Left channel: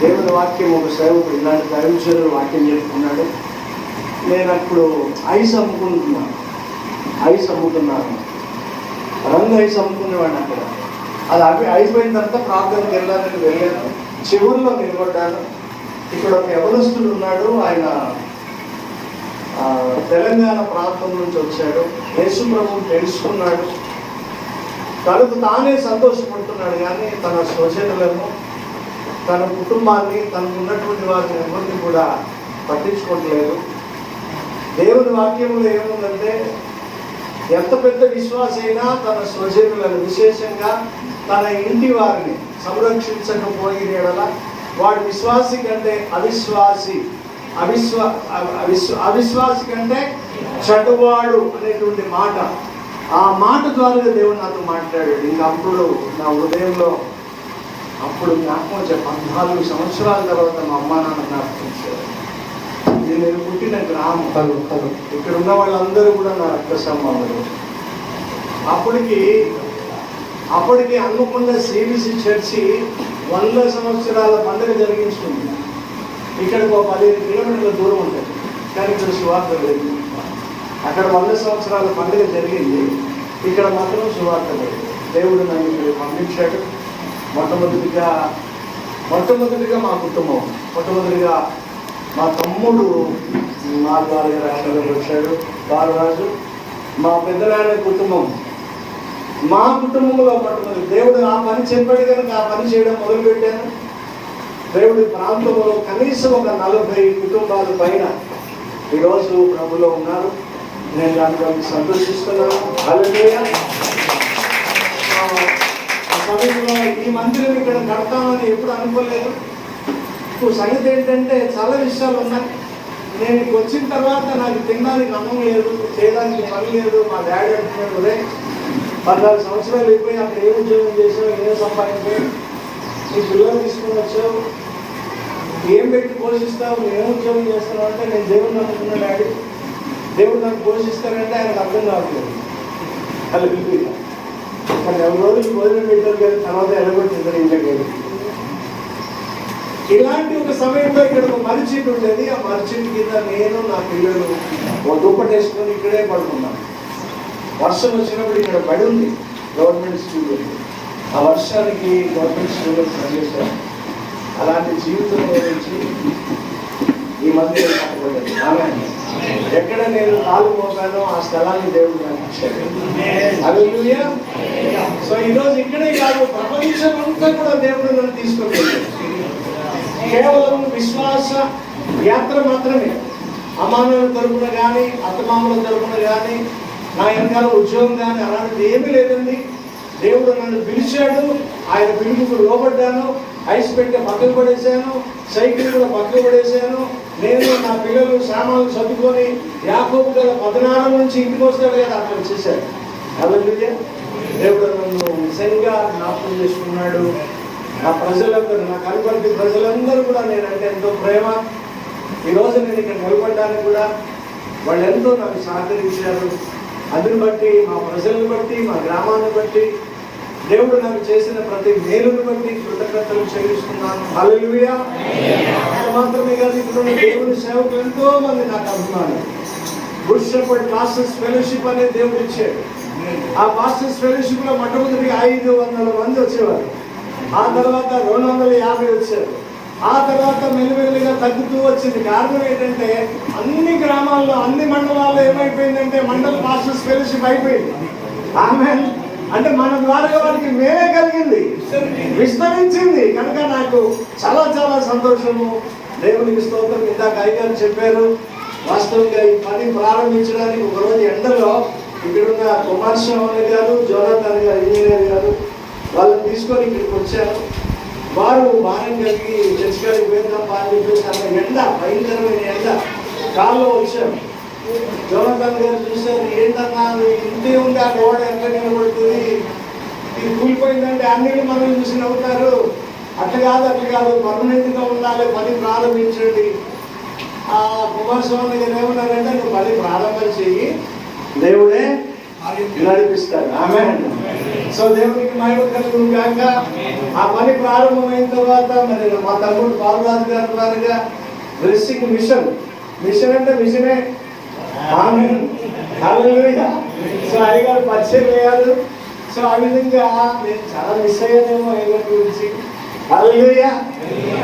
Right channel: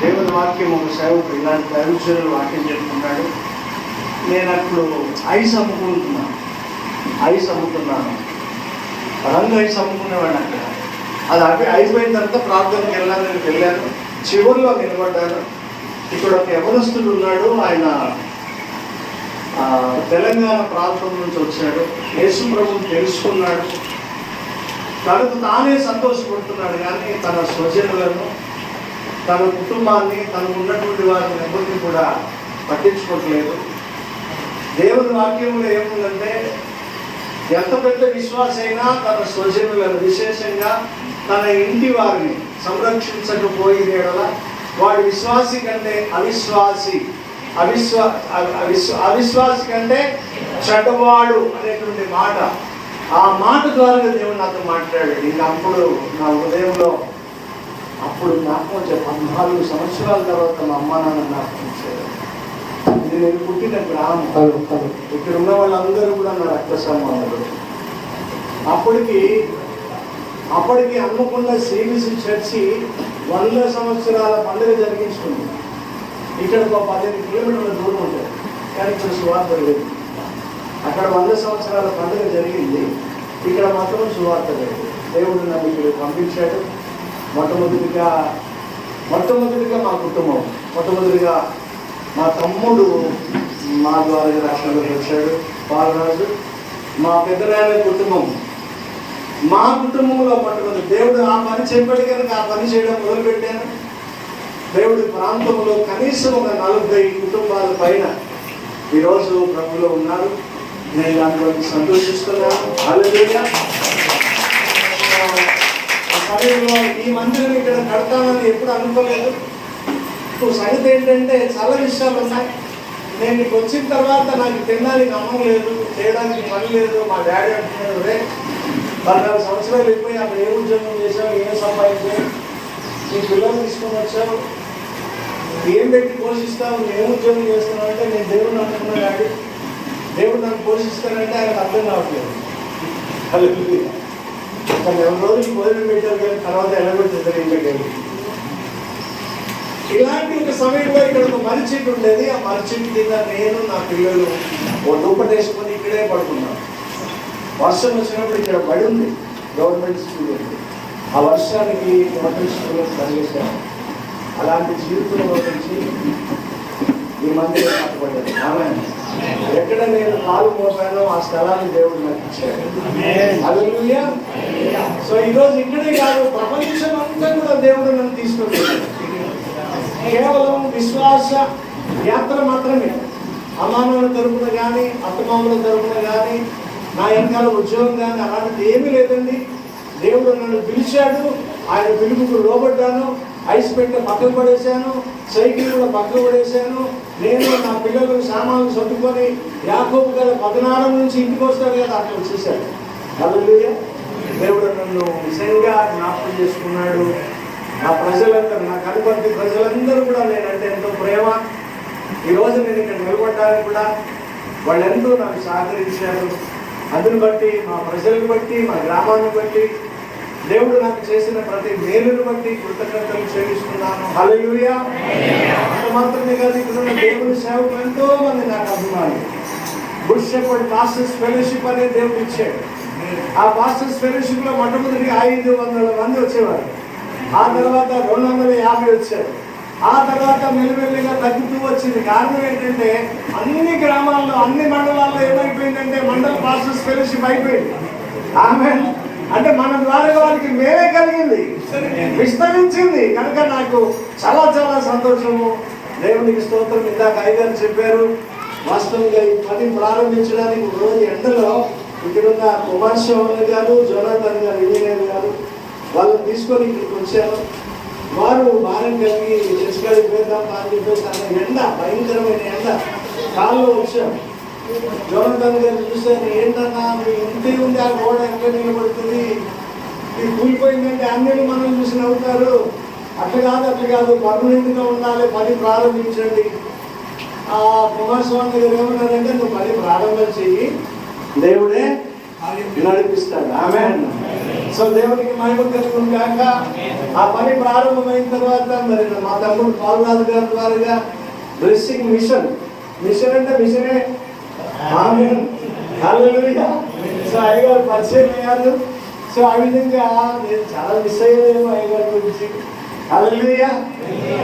దేవుని వాక్యం ఒక సేవకుడు ఇలాంటి దైవజనులు వాక్యం చెప్పుకున్నాడు. నేను అప్పుడు ఐస్ అమ్ముకుంటున్నాను, రంగు ఐస్ అమ్ముకునేవాడు అక్కడ. అది అయిపోయిన తర్వాత ప్రాంతానికి వెళ్ళాను. చివరిలో నిలబడ్డాను. ఇక్కడ ఒక యవనస్తుడు ఉన్నాడు. ఆయన తెలంగాణ ప్రాంతం నుంచి వచ్చాడు. యేసు ప్రభువుని తెలుసుకున్నాడు. తనకు తానే సంతోషపడుతున్నాడు, కానీ తన స్వజనులను, తన కుటుంబాన్ని, తనకు ఉన్నటువంటి వారిని ఎవరిని కూడా పట్టించుకోవట్లేదు. దేవుని వాక్యంలో ఏముందంటే, ఎంత పెద్ద విశ్వాసి అయినా తన స్వజనులను, విశేషంగా తన ఇంటి వారిని సంరక్షించకపోయిన వాడు విశ్వాసి కంటే అవిశ్వాసి కంటే చెడ్డవాడు అనేటువంటి మాట, ఆ మాట ద్వారా దేవుడు నాతో మాట్లాడాడు. ఇంకా అప్పుడు నా హృదయంలో జ్ఞాపకం వచ్చాయి. 14 సంవత్సరాల తర్వాత మా అమ్మ నాన్న జ్ఞాపకం వచ్చారు. ఇది నేను పుట్టిన గ్రామం. ఇక్కడ ఉన్న వాళ్ళందరూ కూడా నా రక్త సంబంధాలు. అప్పటికి హన్మకొండ శ్రీబీసీ చర్చి 100 సంవత్సరాల పండుగ జరిగించుకుంది. ఇక్కడ ఒక 15 కిలోమీటర్ల దూరం ఉంటుంది, కానీ ఇక్కడ సువార్త లేదు. అక్కడ 100 సంవత్సరాల పండుగ జరిగింది, ఇక్కడ మాత్రం సువార్త లేదు. దేవుడు నన్ను ఇక్కడ పంపించాడు. మొట్టమొదటిగా మా కుటుంబం, మొట్టమొదటిగా మా తమ్ముడు మా ద్వారా రక్షణలోకి వచ్చాడు, బాలరాజు. మా పెద్దనాయన కుటుంబం, మా కుటుంబంలో మొట్టమొదటి దేవుడు ఆ పని చెప్పాడు కనుక ఆ పని చేయడం మొదలుపెట్టాను. దేవుడి ప్రాంతంలో కనీసం ఒక 40 కుటుంబాల పైన ఈరోజు ప్రభులో ఉన్నారు. నేను దాని గురించి సంతోషిస్తున్నాను. హల్లెలూయా. ఆ సమయంలో ఈ మందిరం ఇక్కడ కడతానని ఎప్పుడు అనుకోలేదు. సంగతి ఏంటంటే, చాలా విషయాలు ఉన్నాయి. నేను ఇక్కడికి వచ్చిన తర్వాత నాకు తినడానికి అన్నం లేదు, చేయడానికి పని లేదు. మా డాడీ అంటున్నాడు, 14 సంవత్సరాలు అయిపోయి అక్కడ ఏ ఉద్యోగం చేసావు, ఏం సంపాదించావు, నీ పిల్లలు తీసుకుని వచ్చావు, ఏం పెట్టి పోషిస్తావు, నువ్వు ఏం ఉద్యోగం చేస్తున్నావు అంటే, నేను దేవుడు నమ్ముకున్నాను డాడీ, దేవుడు నన్ను పోషిస్తానంటే ఆయనకు అర్థం కావట్లేదు. అది అక్కడ 4 రోజులు భోజనం పెట్టారు, కానీ తర్వాత వెళ్ళగొట్టింది ఇంటికి. ఇలాంటి ఒక సమయంలో ఇక్కడ ఒక మర్రి చెట్టు ఉండేది. ఆ మర్రి చెట్టు కింద నేను, నా పిల్లలు ఓ దుప్పటి వేసుకొని ఇక్కడే పడుకున్నాం. వర్షం వచ్చినప్పుడు ఇక్కడ బడి ఉంది, గవర్నమెంట్ స్కూల్ ఉంది. ఆ వర్షానికి గవర్నమెంట్ స్కూల్లో ప్రవేశాం. అలాంటి జీవితంలో నుంచి ఈ మందిరం కట్టబడ్డది. ఎక్కడ నేను కాలు పోతానో ఆ స్థలాన్ని దేవుడు నాకు ఇచ్చాడు. హల్లెలూయా. సో ఈరోజు ఇక్కడే కాదు, ప్రపంచం అంతా కూడా దేవుడు నన్ను తీసుకెళ్ళాడు. కేవలం విశ్వాస యాత్ర మాత్రమే. అమ్మానుల తరపున కానీ, అత్తమామల తరపున కానీ, నా వెనకాల ఉద్యోగం కానీ అలాంటిది ఏమీ లేదండి. దేవుడు నన్ను పిలిచాడు, ఆయన పిలుపుకు లోబడ్డాను. ఐస్ పెట్టే పక్కకు పడేశాను, సైకిల్ కూడా పక్కకు పడేశాను. నేను, నా పిల్లలు సామాన్లు చదువుకొని యాకోబు గల 14 నుంచి ఇంటికి వస్తాడు కదా, అక్కడ వచ్చేసాడు. హల్లెలూయా. దేవుడు నన్ను నిజంగా జ్ఞాపకం చేసుకున్నాడు. నా ప్రజలందరూ, నా కనుపంటి ప్రజలందరూ కూడా నేనంటే ఎంతో ప్రేమ. ఈరోజు నేను ఇక్కడ నిలబడ్డానికి కూడా వాళ్ళు ఎంతో నాకు సహకరించారు. అందుని బట్టి, మా ప్రజలను బట్టి, మా గ్రామాన్ని బట్టి, దేవుడు నాకు చేసిన ప్రతి మేలును బట్టి కృతజ్ఞతలు చెల్లిస్తున్నాను. హల్లెలూయా. అంత మాత్రమే కాదు, ఇక్కడ దేవుని సేవకులు ఎంతో మంది నాకు అభిమానులు. గుడ్ షెపర్డ్ పాస్టర్స్ ఫెలోషిప్ అనే దేవుడు ఇచ్చాడు. ఆ పాస్టర్స్ ఫెలోషిప్ లో మొట్టమొదటి 500 మంది వచ్చేవారు. ఆ తర్వాత 250 వచ్చారు. ఆ తర్వాత మెల్లిమెల్లిగా తగ్గుతూ వచ్చింది. కారణం ఏంటంటే, అన్ని గ్రామాల్లో, అన్ని మండలాల్లో ఏమైపోయిందంటే, మండల పాస్టర్స్ ఫెలోషిప్ అయిపోయింది. ఆమేన్. అంటే మన ద్వారా వారికి మేలే కలిగింది, విస్తరించింది. కనుక నాకు చాలా చాలా సంతోషము. దేవునికి స్తోత్రం. ఇందాక అయ్యగారు చెప్పారు, వాస్తవంగా ఈ పని ప్రారంభించడానికి ఒక రోజు ఎండలో ఇక్కడున్న కుమారస్వామి గారు, జోనాథన్ గారు, ఇంజనీర్ గారు, వాళ్ళని తీసుకొని ఇక్కడికి వచ్చాను. వారు భారం కలిగి చర్చికాడికి పోయిందాం అని చెప్పేసి అన్న ఎండ, భయంకరమైన ఎండ, కాల్లో వచ్చాం. జోనాథన్ గారు చూసారు, ఏంటన్నా ఇంటి ఉంది, ఆ రోడ్ ఎంత నిలబడుతుంది, ఇది కూలిపోయిందంటే అన్ని మనం చూసి నవ్వుతారు. అట్లా కాదు, పర్మనెంట్గా ఉండాలి, పని ప్రారంభించండి. ఆ కుమారస్వామి గారు ఏమన్నారంటే, నువ్వు పని ప్రారంభం చెయ్యి, దేవుడే నడిపిస్తాడు. ఆమేన్. సో దేవునికి మహిమ కలుగును గాక. ఆ పని ప్రారంభమైన తర్వాత మరి మా తమ్ముడు పాల్రాజు గారి ద్వారాగా బ్లెస్సింగ్ మిషన్ అంటే మిషనే. ఆమేన్. హల్లెలూయా. సో అయ్యగారు పరిచయం అయ్యారు. సో ఆ విధంగా నేను చాలా మిస్ అయ్యానేమో అయ్యగారి గురించి. హల్లెలూయా.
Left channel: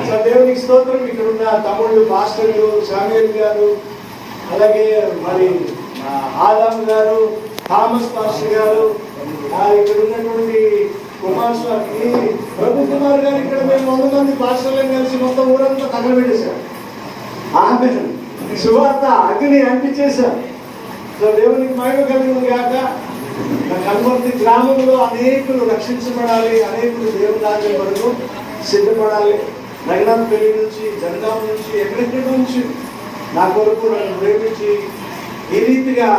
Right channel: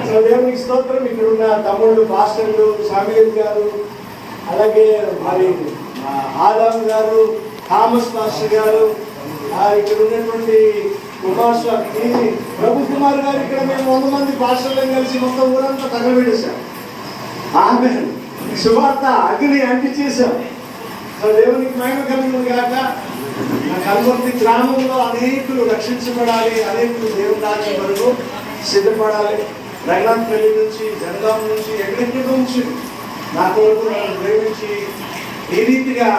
సో దేవునికి స్తోత్రం. ఇక్కడ ఉన్న తమ్ముళ్ళు పాస్టర్లు సామ్యూల్ గారు, అలాగే మరి ఆదాం గారు, థామస్ పాస్టర్ గారు, ఇక్కడ ఉన్నటువంటి కుమార్ స్వామి, ప్రభు కుమార్ గారు, ఇక్కడ మేము 100 మంది పాస్టర్లను కలిసి మొత్తం ఊరంతా తగలబెట్టేశాం. ఆమేన్. సువార్త అగ్ని అంటించేశాం. సో దేవునికి మహిమ కలుగును గాక. కల్వర్తి గ్రామంలో అనేకులు రక్షించబడాలి, అనేకులు దేవుని రాజ్యం వరకు సిద్ధపడాలి. నగరంపల్లి నుంచి, జనగాం నుంచి, ఎక్కడి నుంచి నా కొరకు నన్ను ప్రేమించి ఈ రీతిగా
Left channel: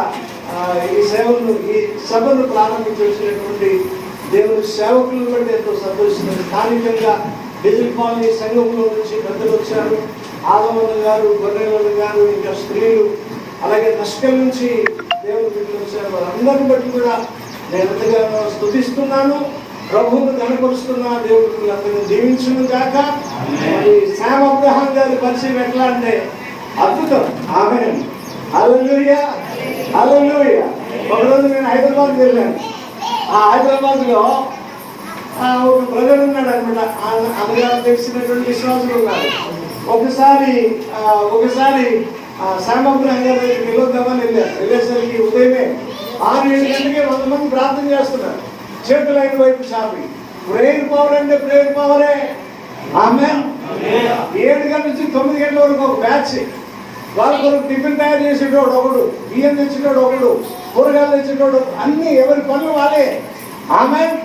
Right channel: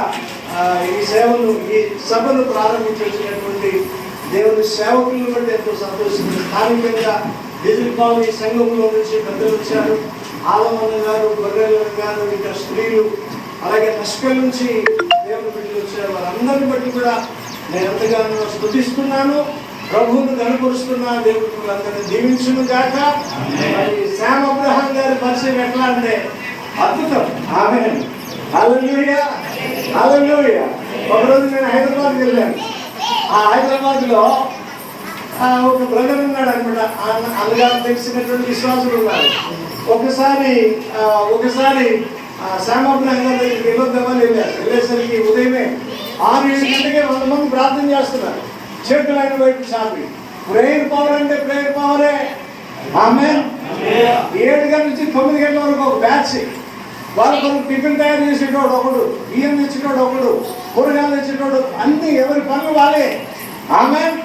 ఈ సేవను, ఈ సభను ప్రారంభించేసినటువంటి దేవుని సేవకులను బట్టి ఎంతో సంతోషిస్తుంది. స్థానికంగా డీజిల్ కాలనీ సంఘంలో నుంచి పెద్దలు వచ్చారు. ఆలమన్న గారు, గొర్రెల గారు, ఇంకా స్త్రీలు, అలాగే నష్కల్ నుంచి దేవుని బిడ్డలు వచ్చారు. వారందరిని బట్టి కూడా నేను ఎంతగానో స్తుతిస్తున్నాను, ప్రభువును కనపరుస్తున్నా. దేవుడు అందరినీ దీవించును గాక. శామ్ అబ్రహాం గారి పరిచయం ఎట్లా అంటే అద్భుతం. ఆమేన్. హల్లెలూయా. హల్లెలూయా. ఒకరోజు నేను హైదరాబాద్ వెళ్ళాను. ఆ హైదరాబాద్లో ఒక బ్రదర్ ఉన్నాడు అనమాట. అన్నగారు తెలిసినటువంటి విశ్వాసులు ఉన్నారు. ఒకసారి శామ్ అబ్రహాం గారి దగ్గరికి వెళ్ళొద్దామని వెళ్ళేసరికి ఉదయమే 6-7 గంటలకే 100 మంది ప్రార్థన చేస్తున్నారు, చేతులైన వైపు చాపి. ప్రేయర్ పవర్ అంటే ప్రేయర్ పవరే. ఆమేన్. 7 గంటల నుంచి 9 గంటల వరకు ఒక బ్యాచ్. వాళ్ళ కొరకు టిఫిన్ తయారు చేసేటోడు ఒకడు, బియ్యం తెచ్చేటోడు ఒకడు, కూరగాయలు తెచ్చేటోడు, అన్ని ఎవరి పనులు వాళ్ళే. ఆమేన్.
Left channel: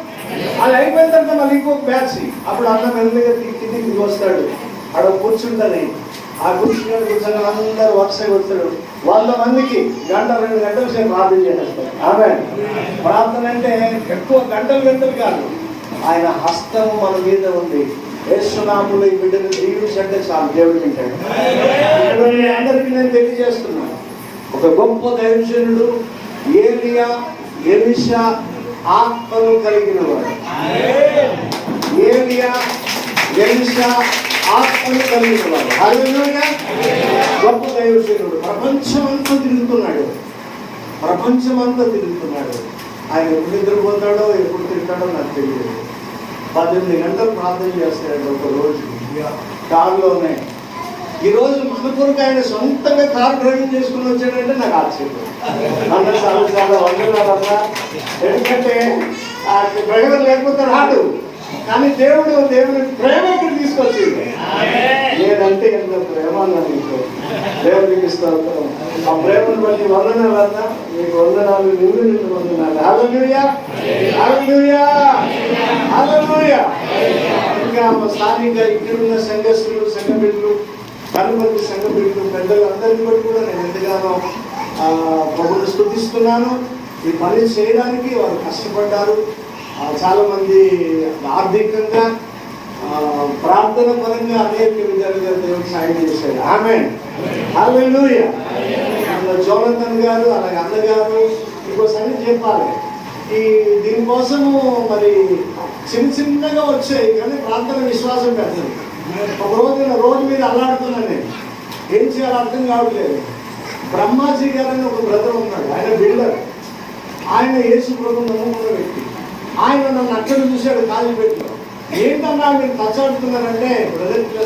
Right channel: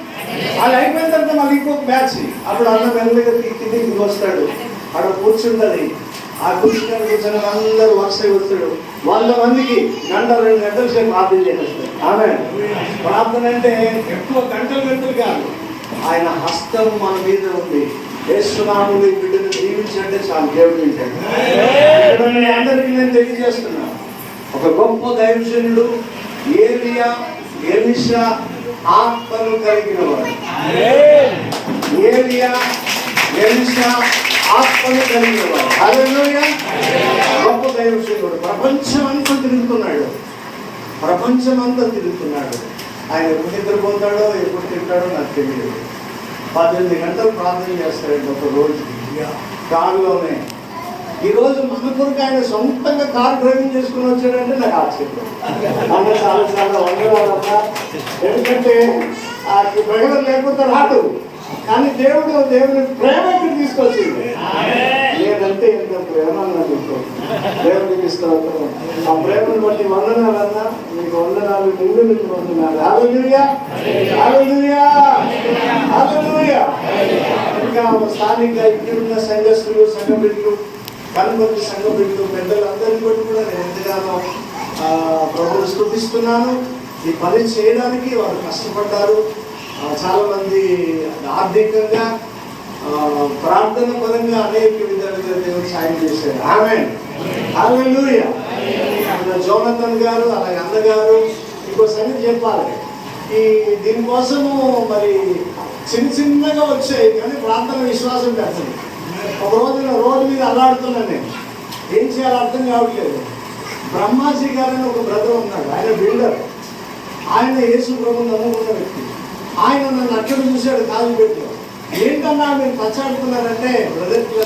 వాళ్ళు అయిపోయిన తర్వాత మళ్ళీ ఇంకొక బ్యాచ్. అప్పుడు అన్న మెల్లగా కిందికి వస్తాడు, అక్కడ కూర్చుంటుంది. ఆ కూర్చుని అందరూ వర్ష కొడతాడు. 100 మందికి 1-2 గంటల సేపు ప్రార్థన చేస్తారు. ఆమేన్. ప్రార్థన అంటే ఎక్కువ గంటలు కాదు, ఆయన హస్తం మన మీద ఉంది. యేసునామములో ఈ బిడ్డను దీవించంటే చాలు, దేవుడు వింటాడు. ఇక్కడ మీ అందరికీ నేను తెలియజేస్తున్నాను, ఒక గొప్ప దైవజనుడు ఎలీషా ఆత్మను కలిగిన వాడు. ఎలీషా ఆత్మను కలిగిన వాడు. హల్లెలూయా. గొప్ప దైవజనుడు. ప్రపంచమంతా తిరుగుతున్నాడు. ఆయన ఎప్పుడు నిద్రపోతాడో, ఎప్పుడు తింటాడో నాకు తెలియదు. 18 గంటలు ప్రార్థన చేస్తాడండి ఒక రోజు కారులోనే. ఈరోజు మన కొరకు ఆయన సొంతంగా కారు డ్రైవింగ్ చేసుకుని వచ్చాడంటే నాకు ఆశ్చర్యం. అన్న చాలా వందనాలన్నా. ఎందుకంటే ఆ డ్రైవర్ లేకపోతే రాడు. కానీ దేవుని ప్రేమ ఇక్కడ తీసుకొచ్చింది. నేనంటే ఎంత ప్రేమ నాకు దేవునికి స్తోత్రం. ఆ ప్రేమను బట్టి వందనాలన్నా, మీకు వందనాలు, నిండు వందనాలు. హల్లెలూయా. హల్లెలూయా. హల్లెలూయా. ఇంకా స్థానిక ఇక్కడున్న సంఘస్థులు, సంఘ బిడ్డలు, కనుమతి సంఘ బిడ్డలు, పెద్దలు అందరికీ కూడా నేను ఎంతగానో ప్రభువును స్తుతిస్తున్నాను. ఈ పని చేయడానికి వారు కష్టపడ్డారు. చాలా మంది ఆర్థికంగా, ప్రార్థన పరంగా అనేక విధాలుగా దేవుడు సాయం చేశారు. ఆమేన్. హల్లెలూయా. జోనతన్ గారు, అలాగే అన్నగారు, ఇంకో సంగతి చెప్పాలి. దీనికోసము మరి చిన్నగా వచ్చాయి, కానీ ప్రార్థన విశ్వాసం పెడుతుంది. ఒక రోడ్డు మీద అల్లాడుతున్నాను నేను, ఏం చేయాలో అర్థం కావట్లేదు. బ్రహ్మాజీ గారని ఒక బ్రదర్ ఉన్నాడు, ఆయన బిల్డర్. ఆయన యేసు ప్రభువును నమ్ముకున్న వ్యక్తి. ఆయన నన్ను అక్కడ చూశాడు కాలిపెట్టిలో. ఏంటన్నా మీరు కచ్చాడుతున్నారంటే, బ్రదర్ ఇలా